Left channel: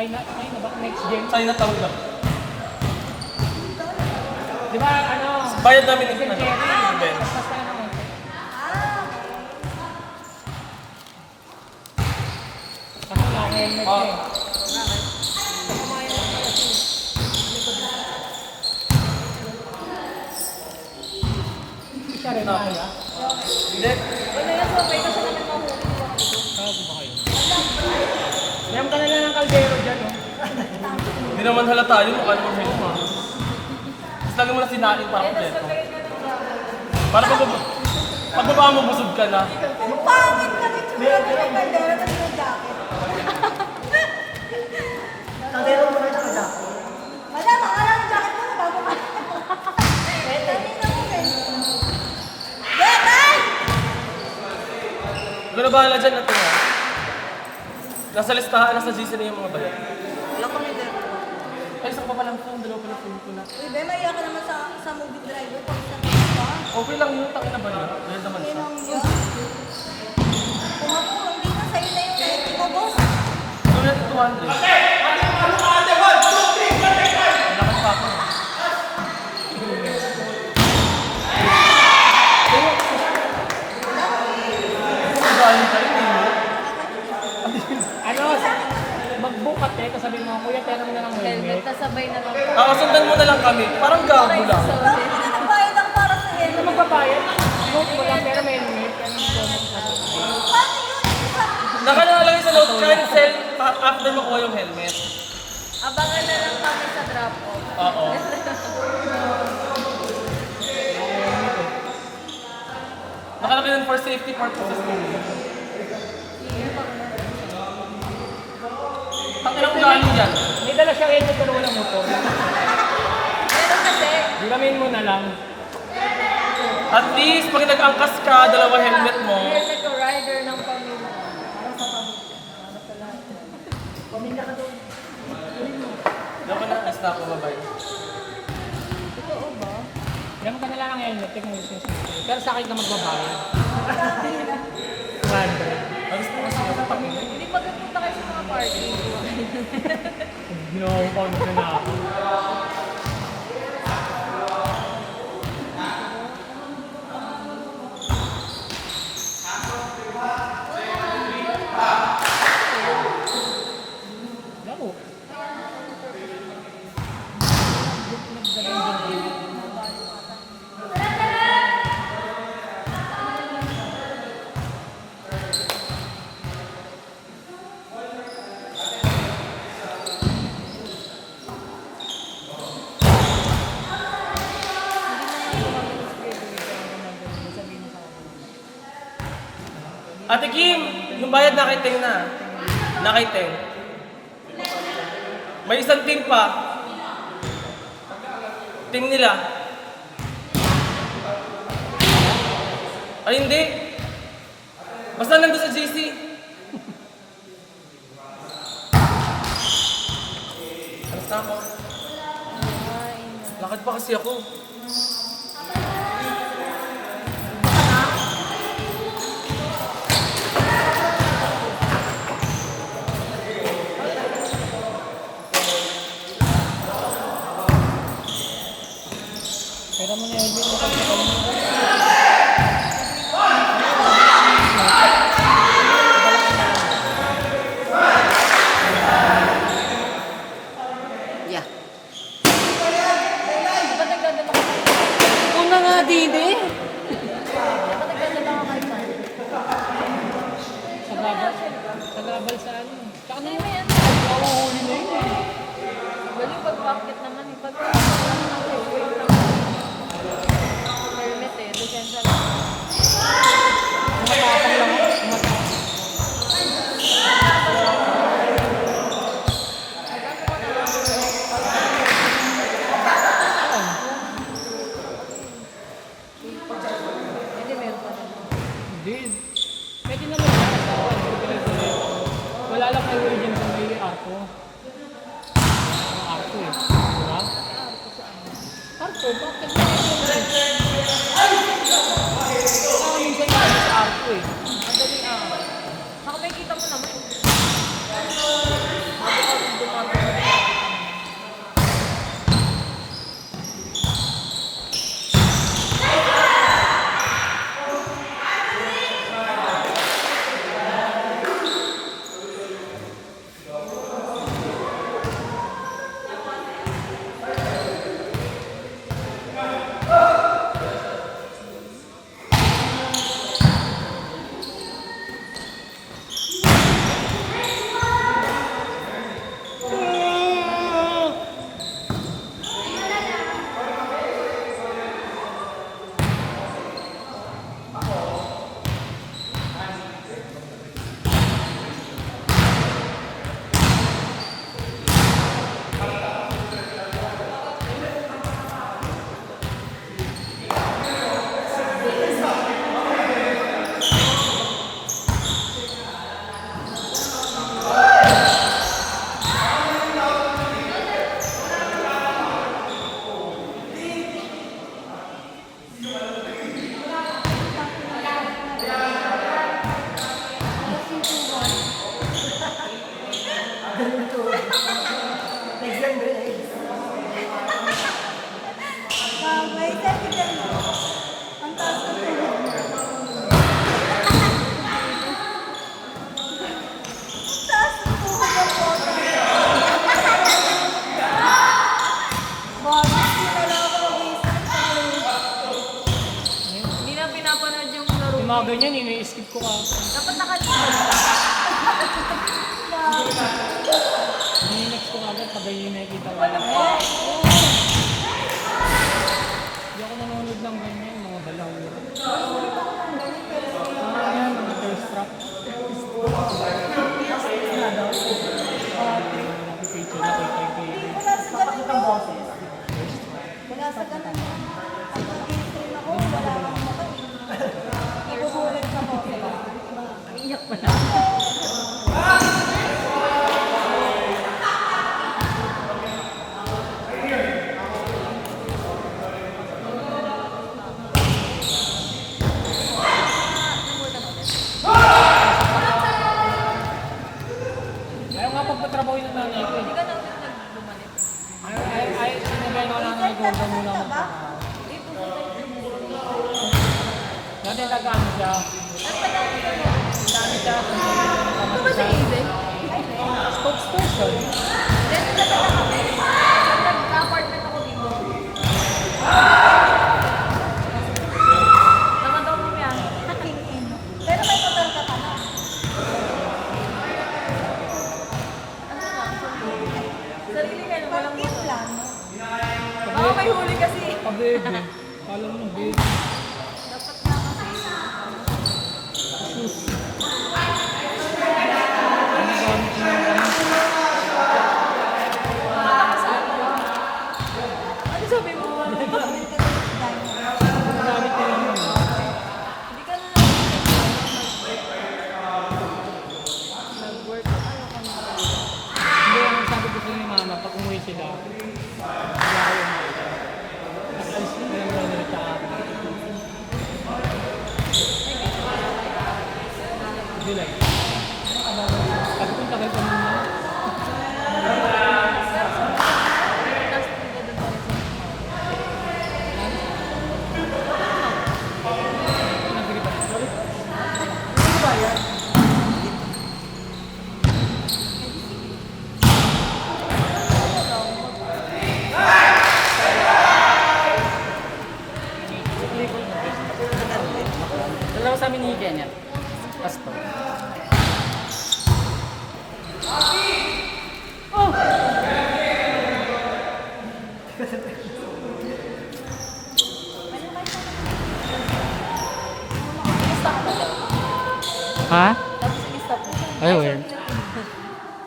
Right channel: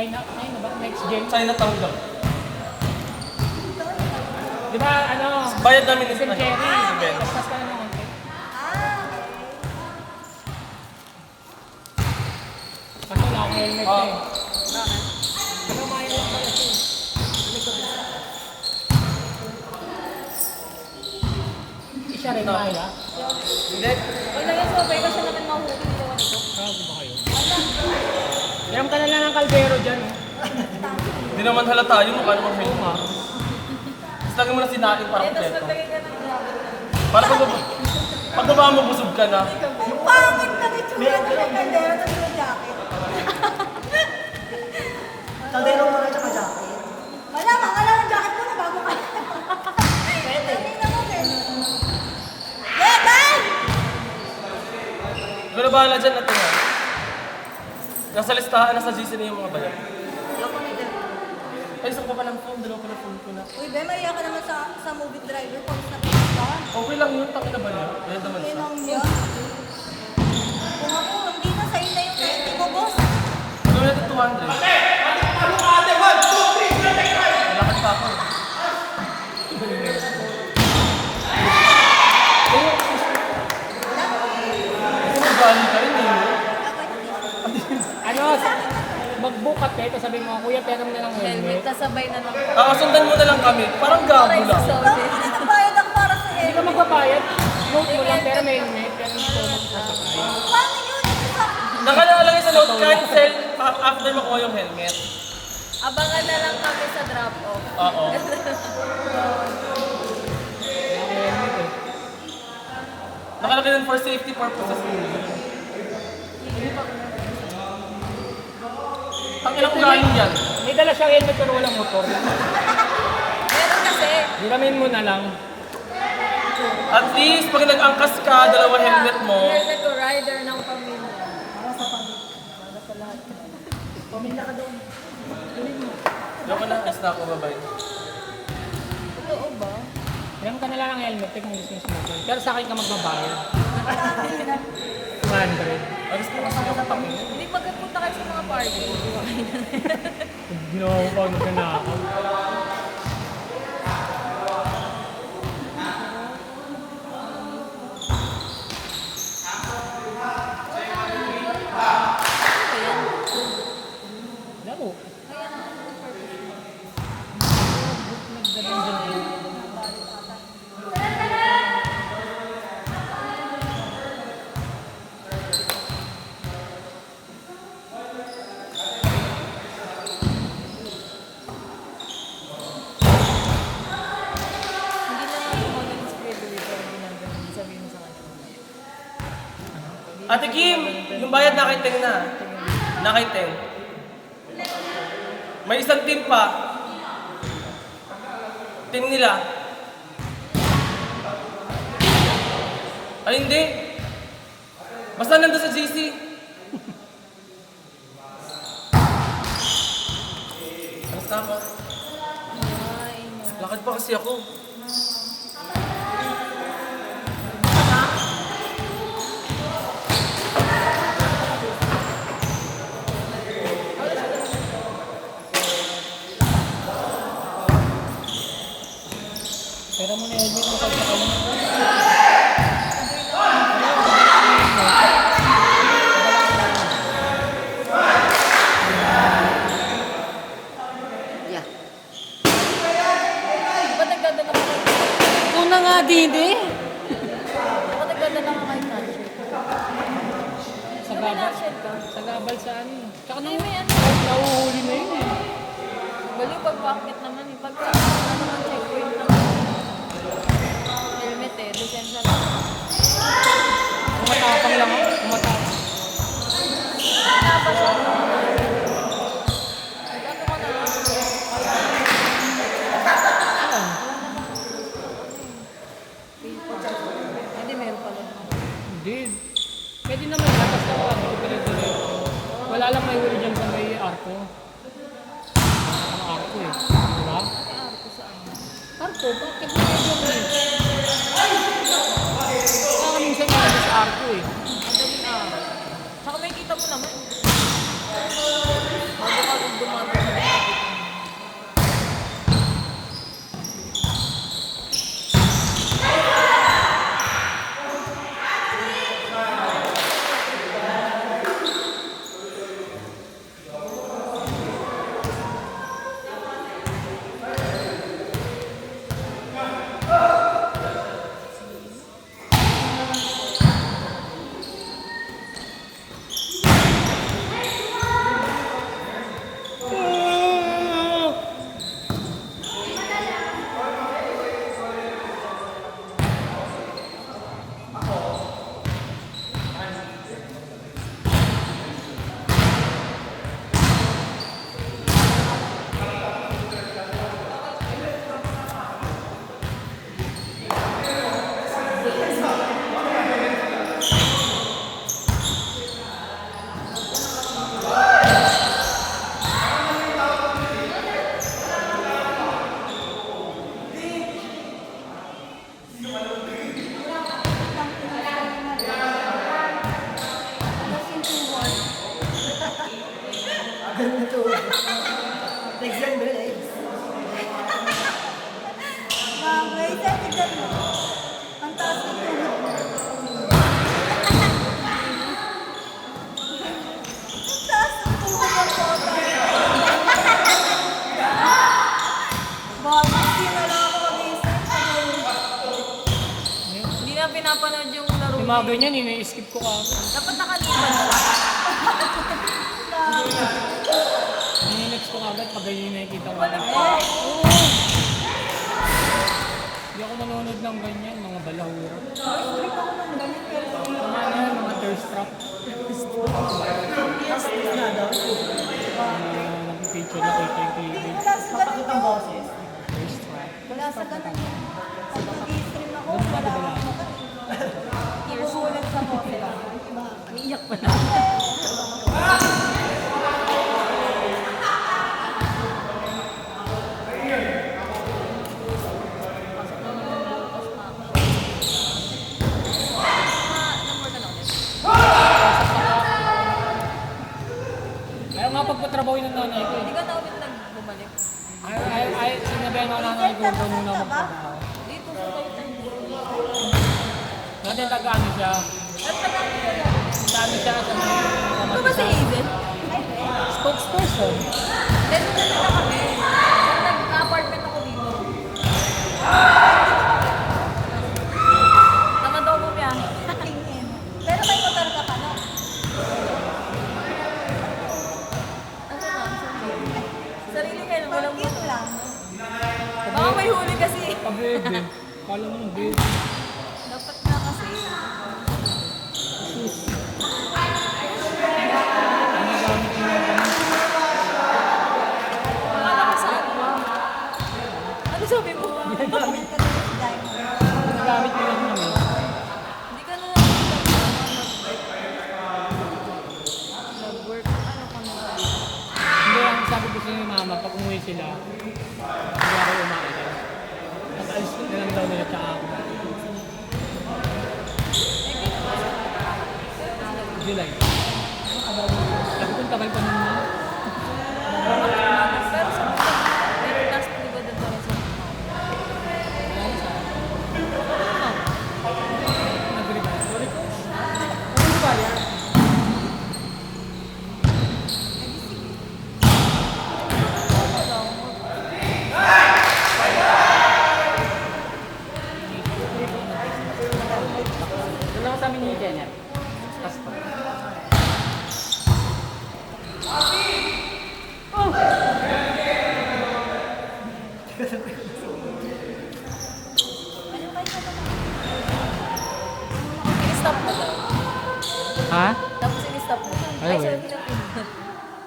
China, ayun na ba? Next gen. China tanggap. Di ba, ano? Bayad namin SM ito. Cherry. Event. Paspas ka naman. Kaso wala akong helmet Ah. eh. Siya rin ba kaya? Hindi. Yan ka na lang ng kaldero dyan. Oh. Hindi naman halata yun kung ano mag-help mo. Tapos lagi mo na sinain para kompleto. Para pag nabaka mo, busog ka na. Yung pangit na may tsura na may kaldero na yung jacket. Kaldero mo rin yung jacket? Wala, makala ng jacket mo na bago ka. Pwede. Bye! Ikaw na bahala dyan natin ha. Nasa listahan, nasa GC na yung mga bayad. Ay, isa pa palang phone, dalawa pala phone ko na. Uy, Ben, naiyak ka naman sa movie driver. Pag sa Okay lang yun, takin na ba niya? Yan naman siya. Kung ako, hindi na sa'yo na yung pwede ko, boss. Gawin natin 200. Malakad pa ako. Ito magaling ka yun eh. Ano, mag-book ka te, sabi mo, kuya, pero na lang Helmet, helmet. kasabay na lang. Sundan mo na lang kami. Parang gago lang. Nakabayad ako para sa Hindi ka magpapayad. Book mo lang, pero may helmet. Nakalala sa note, cancel after makuha yung helmet. Abangan na lang kami sa drop-off. Oo. Nakalagay yun for safety purposes. Ang ilang galing yan. May dala siya helmet pero walang motor. Meron kasi, Duramin mo na lang. At least, pag nag-angkas ka, dalawa helmet mo. helmet ko rider ng pamilya. Dapat na, stop mo, bye-bye. Alam ka nila ng helmet, tek mo business mo. Pero sa akin ka magbabayad. 100. Alis mo kasi nakatap mo. Hindi pagkapunta kayo sa mga party. Ginawa ko pag na ako. Laro. Ate Kim, yung bayad na kay Teng na. Na kay Teng. May isang team pa. Team nila. Ay, hindi. Basta nandun sa GC. Alas na ako. Lakad pa kasi ako. Pero mo na helmet mo kasi Yeah. Ba't nagdadala ko kayo? Una nga, Didi. Ba't nagdadala ko kayo? sa gabal sa ano. Tsaka Hindi na mo yan. nahuhuli mo yun eh. Bali, pag-market naman. Helmet eh, lisensya lang. Tumatapang lang ako. Tumatapang. Hindi, meron pa rin. Hindi. Pwede naman ba? Basta wala lang may huli dyan sa may arko. Ang arko eh. Diba? Arko, bakit mo minsan ka sa arko eh. Saka nakikita mo naman. Legs and legs. May second mo. Ang taas ko po. Ang taas ko po. Bakit hindi ka lang mag-research? Hindi na pinapanood yung laro. Yung mga ganyan, ini-skip ko ka. Dapat nakalina. Nini-next ko agad pag yung nakikita ko. Hindi ako nanonood ng ganyan, mga balahuro. Mga yan, mga thirst trap. Nakipicture na kay Kevin. Wala sa ganun ang boses. Thirst trap. Wala sa ganun. Pag mag-i-stream ako, wala akong makukulit sa boses. Iyak pa na. Kaya nga pagpatrabaho yung nanay ko. Hindi ka na ulit nagbumalik. Sinabihan ko lang ng Google muna magtrabaho. Dito sa tayo. Dati nag-ano siya. Sabi siya kung Ito ba si Aiden? spokesperson. Nag-apartment ako dito. Tama daw kami ah. Tingin. Pero may motor ka pa na. Sarili ka na walang Pag-gift lang. Baka may huli kasi. Pag-baby. Kala mo ng baby. Dapat na kasi. Sus. Ano gamit mo yung ano? Ano sabi mo? Ganyan ka din sa diamond. Ano gamit mo yung ano? Hindi ka na nag-work. Hindi, ang sabi ko sa yung mama, pag umuwi sila, hindi ako umalis. Tapos, ganun daw nila sa ako. July. Sabi ko, tagal pa naman. Pero last week na doon kasi. Nabili ba? Sorry. Dalawa sa amin higa niya. Kaspa. Stop mo daw. Ha? Tapos in-stop mo. Ay, well.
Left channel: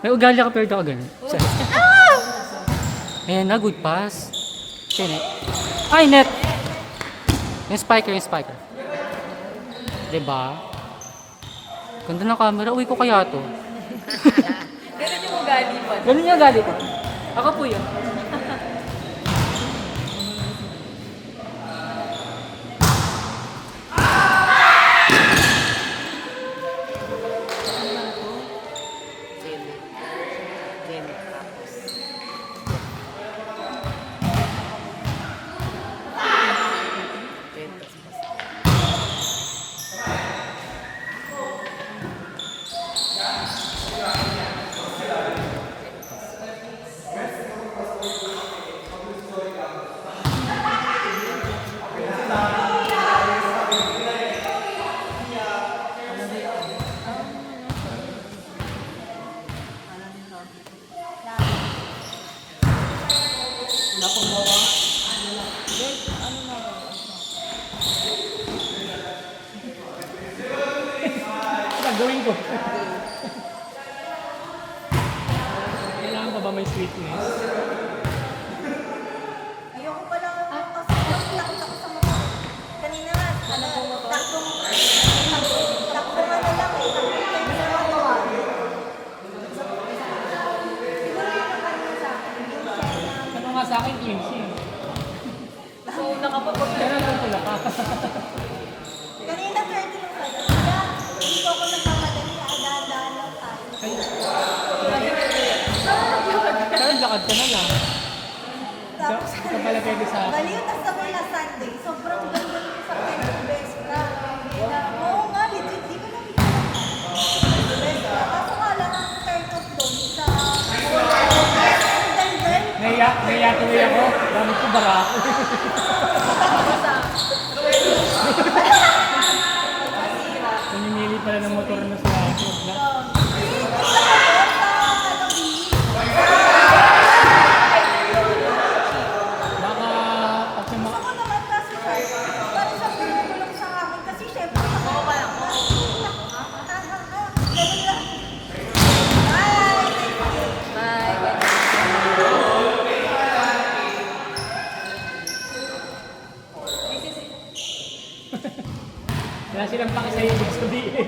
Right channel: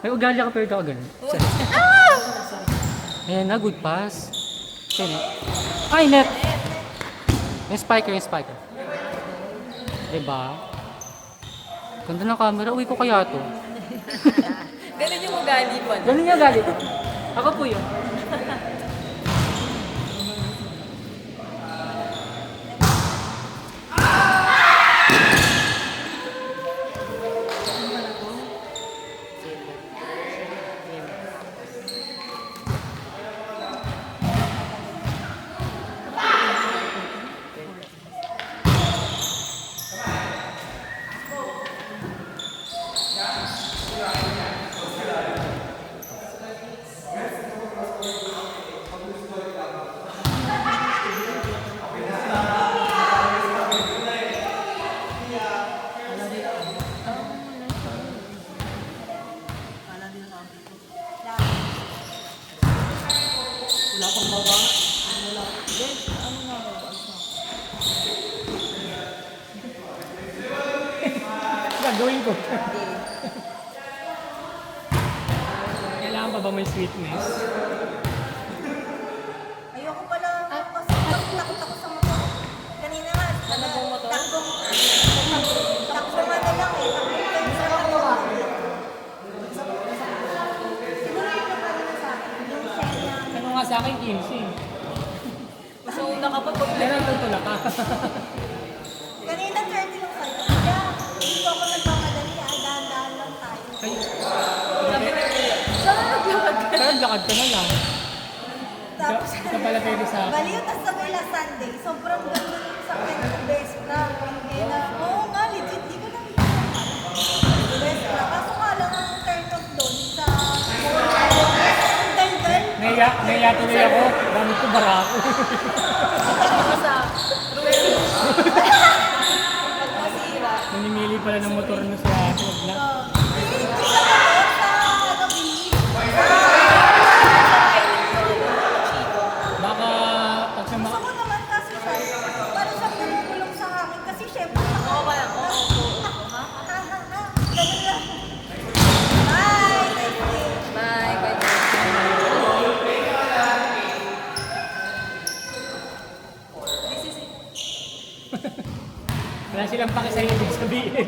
May ugali ako pero ito ako ganun. Ayan na, good pass. Okay, net. Ay, net! Yung spiker. Diba? Ganda ng camera. Uwi ko kaya to. Ganun yung ugali mo. Ganun yung ugali ko. Ako po yun. Gagawin ko. Kailangan pa ba may sweetness? Ayoko pala kasi nakulakot ako sa mukha. Kanina nga, taktong na lang eh. Siguro yung kanina sa akin, yung second. Ano nga sa akin, 15. So, nakapag-apply. Kaya lang talaga. Kanina 30 yung sa'yo. Kaya hindi ko ako nagmamadali, dahan-dahan lang tayo. Kaya, nagsabi sa akin. Baliw, tas sabay last Sunday. Sobrang ganda ng sa akin. Best na. Oo nga, legit. Di ko nakita. Best na. Kaso nga lang ang turn off doon sa... Ang daldal. Naiya tuloy ako. Gamit ko bara ako. Basta, Namimili pala ng motor na sa ako. Baka pag sa mga... Ako naman kasi siya, parang siya bumubulong sa akin kasi syempre ganun lang. Bye! Thank you. bye. This is it. Wala silang paki sa'yo ibig sabihin.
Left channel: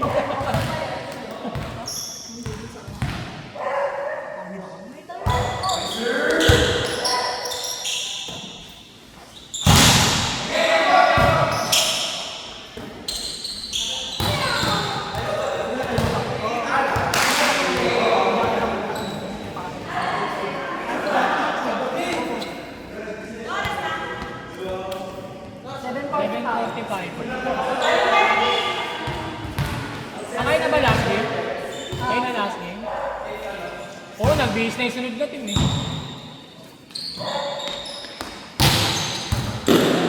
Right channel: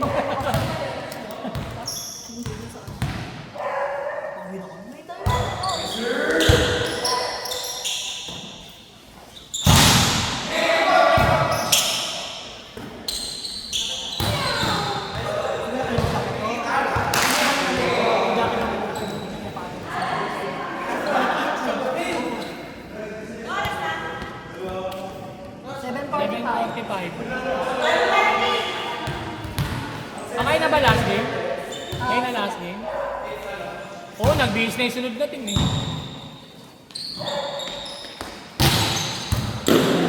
Sakay na ba last game? Sakay na last game? Oo, nag-base na yung sunod na team eh.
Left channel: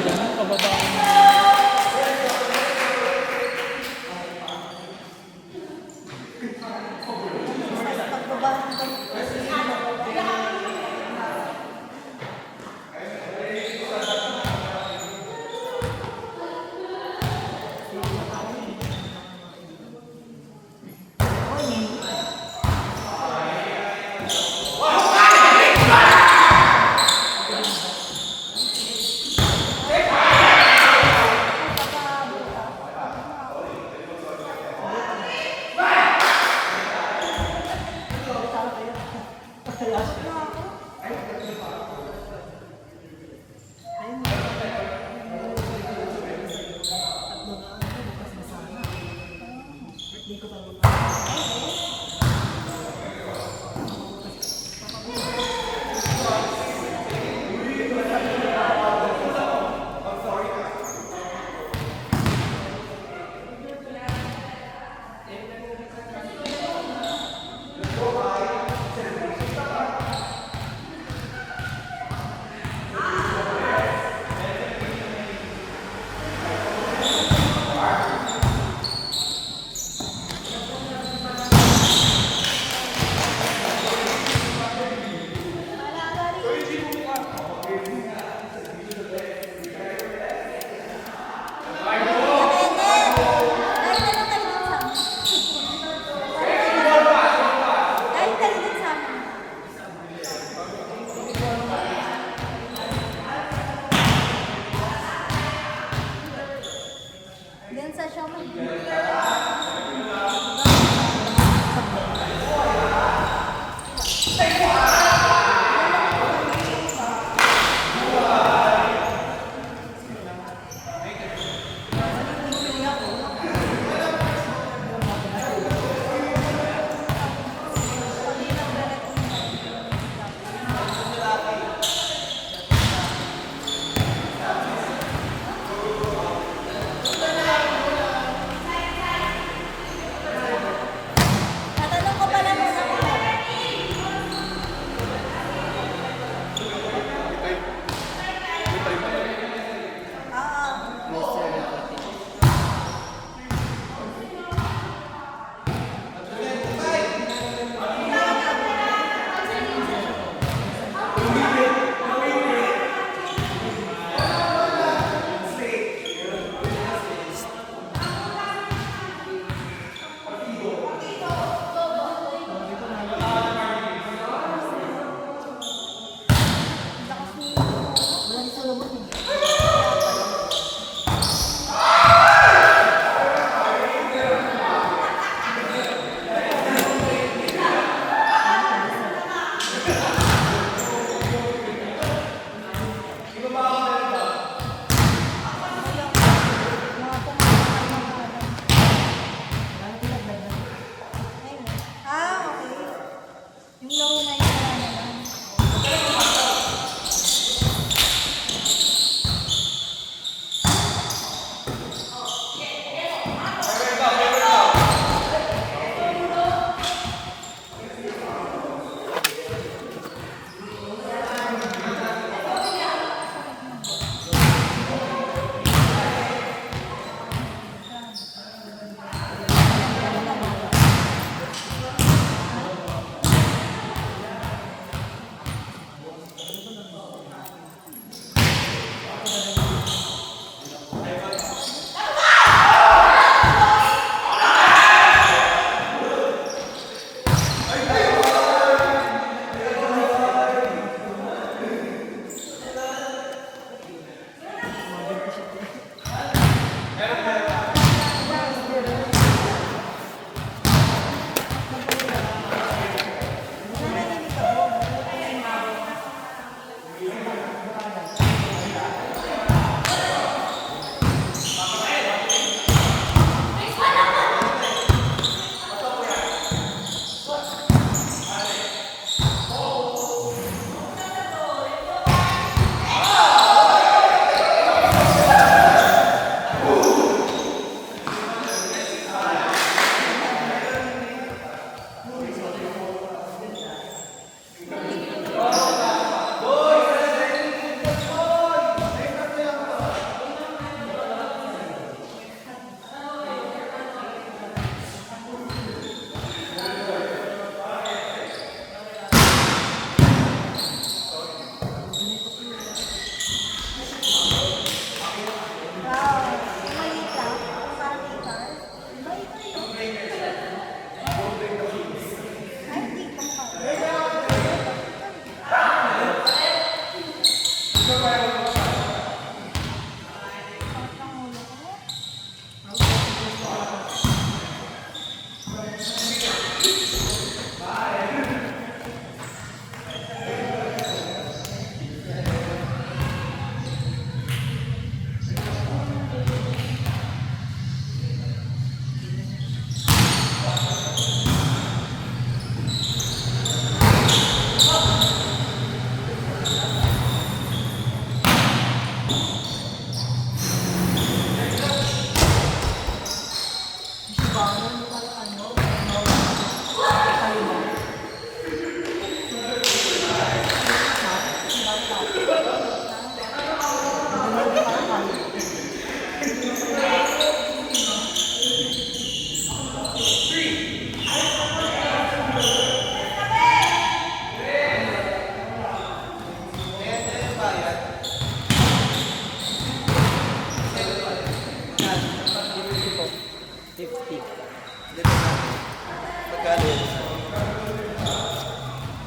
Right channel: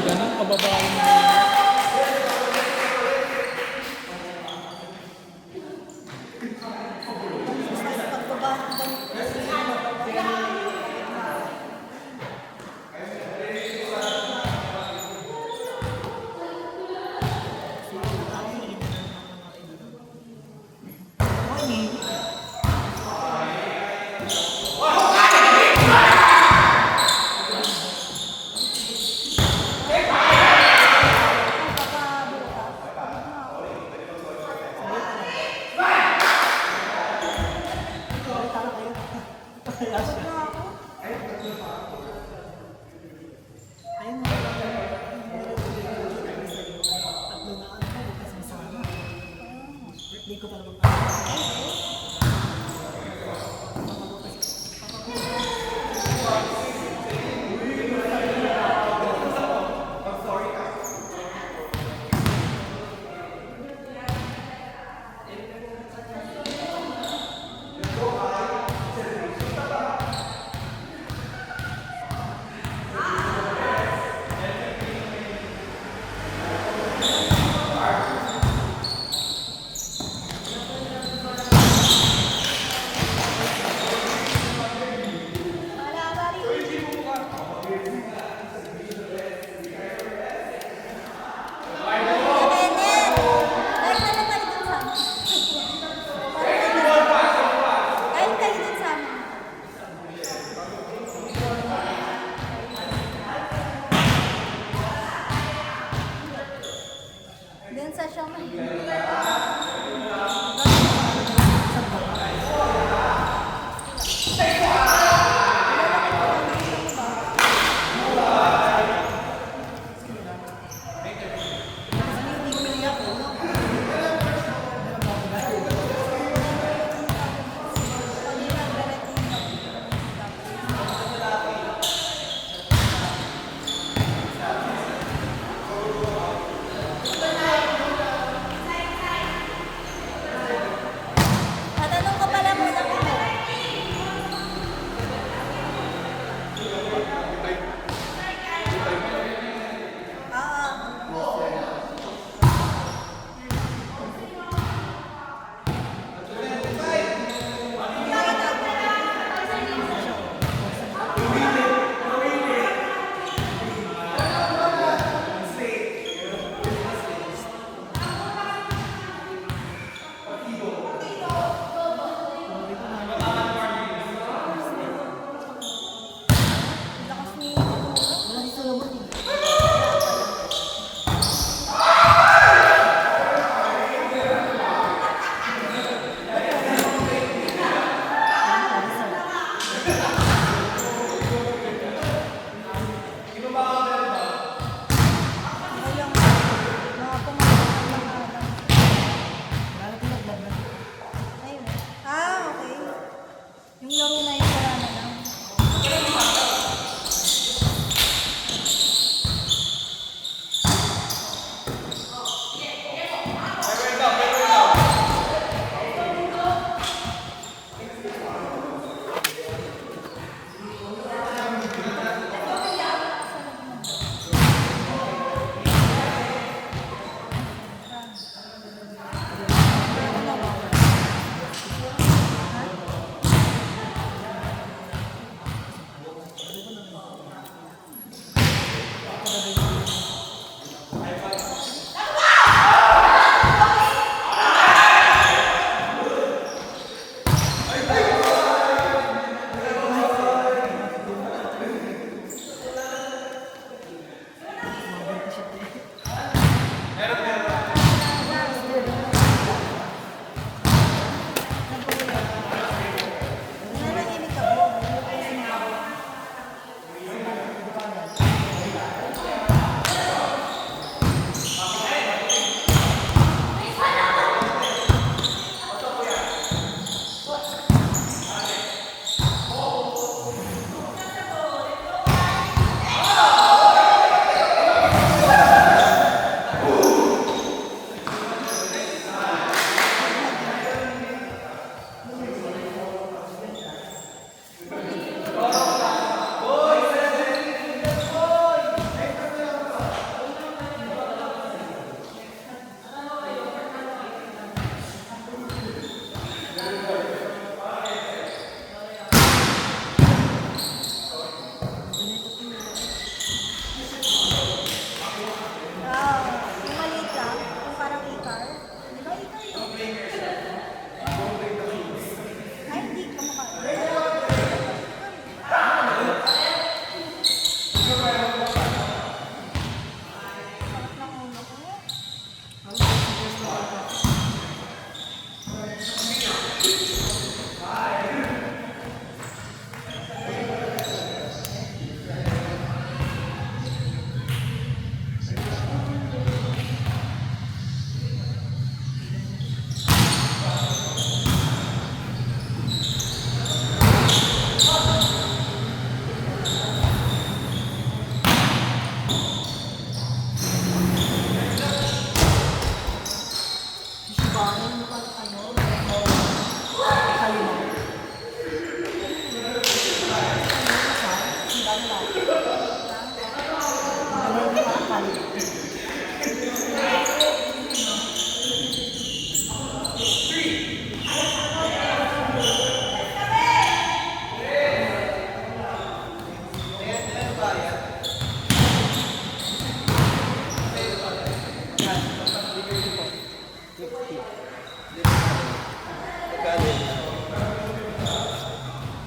Ganun, kababaan na. Pagbaba ng ganito kasi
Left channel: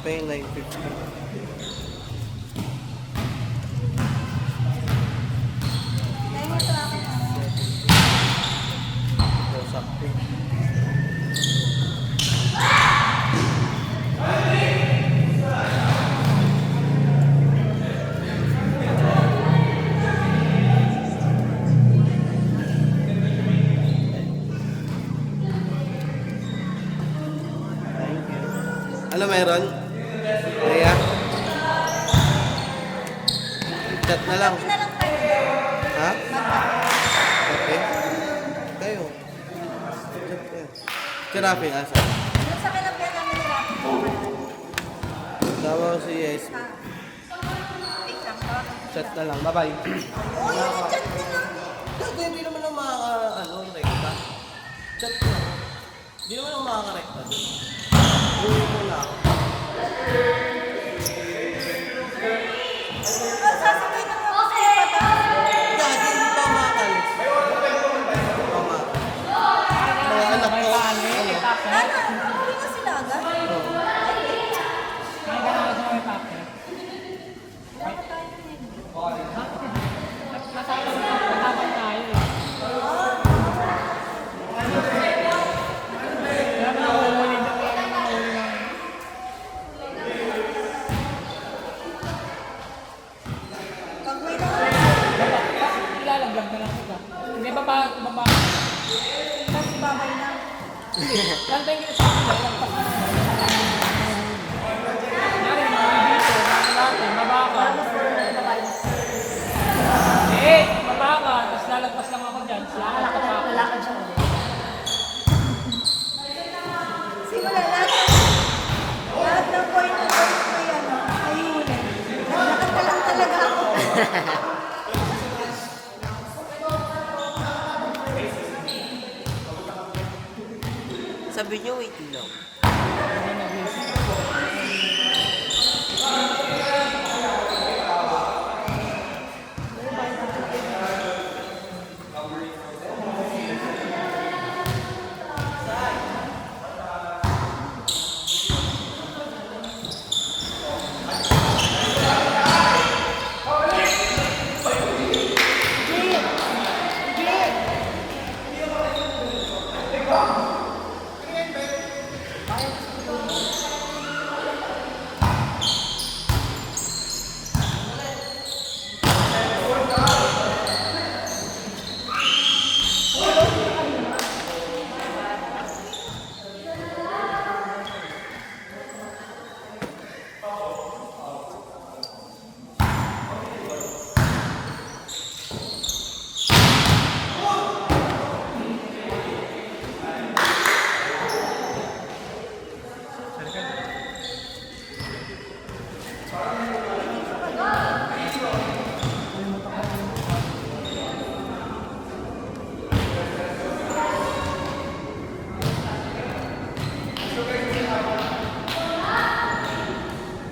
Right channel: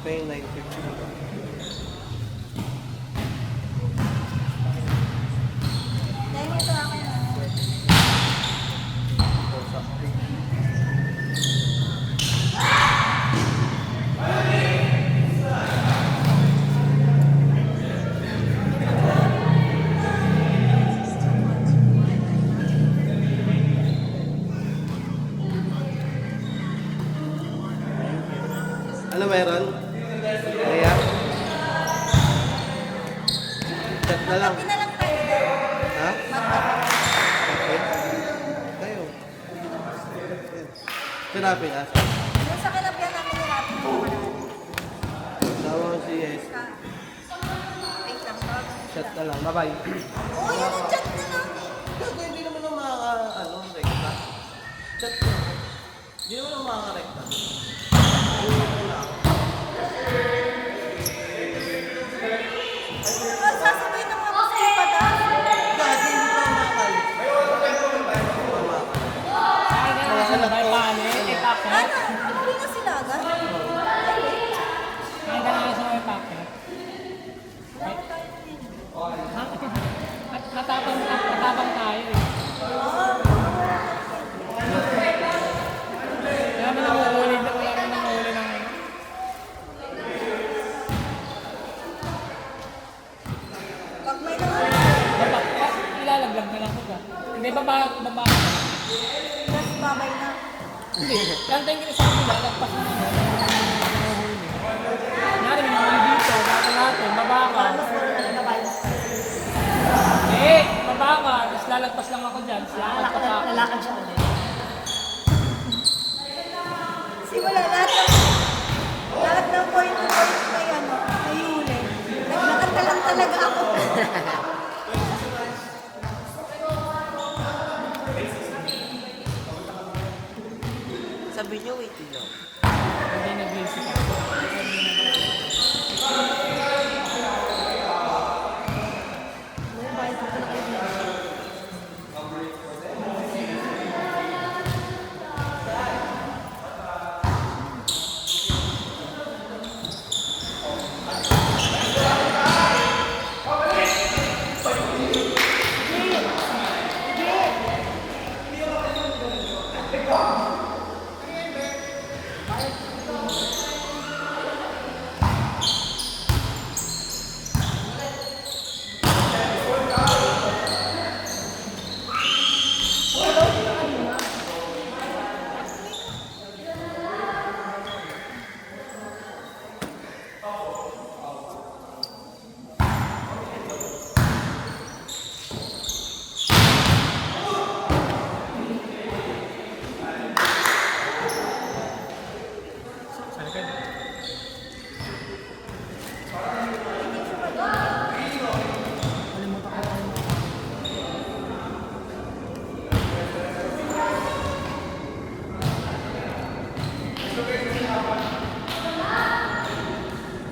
Shopping, 950. Dahil ito ako na. Shopping. Ano meron? Kaya? Chat na lang. Pinalang kayo. Ha? Okay. Tayo. Kinapi ka sa. Yung sa kinapyan namin natin. Tawag ko si Yes. Wait lang ba? Chat na lang. Bye-bye. Oh, yun ang chat nila. Hindi naman ako makaka-rekta. Chat. Hindi naman ako makaka-rekta. Oh, sasabihin mo ako sa iyo pa ba? Dahil hindi pa makakalis. Kaya na may paano eh, packet. Hindi na sila agad. Kaya na siya may packet. At natapang tayo eh. Kaya mo nahuli na kaya mo nahuli na. Pag may nahuli, Ilalaglag na lang kita. Hindi baba. mas babay na. Lang tayo sa kanila, lagpas mo. Nyari mo dito, baba ka. Eh, baba ka. Tapos lalagpas lang ako dyan. Lalakad ka pa. Lalakad siya ulit. Simula lahat ng point to point na yun, ay huli. Naglakad ka lang talaga ako. Sabi niyo, wait lang. Hindi nag-isip.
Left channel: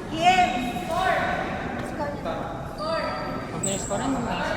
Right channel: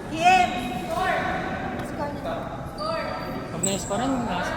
Yes! Score! Score! Pag na-score na,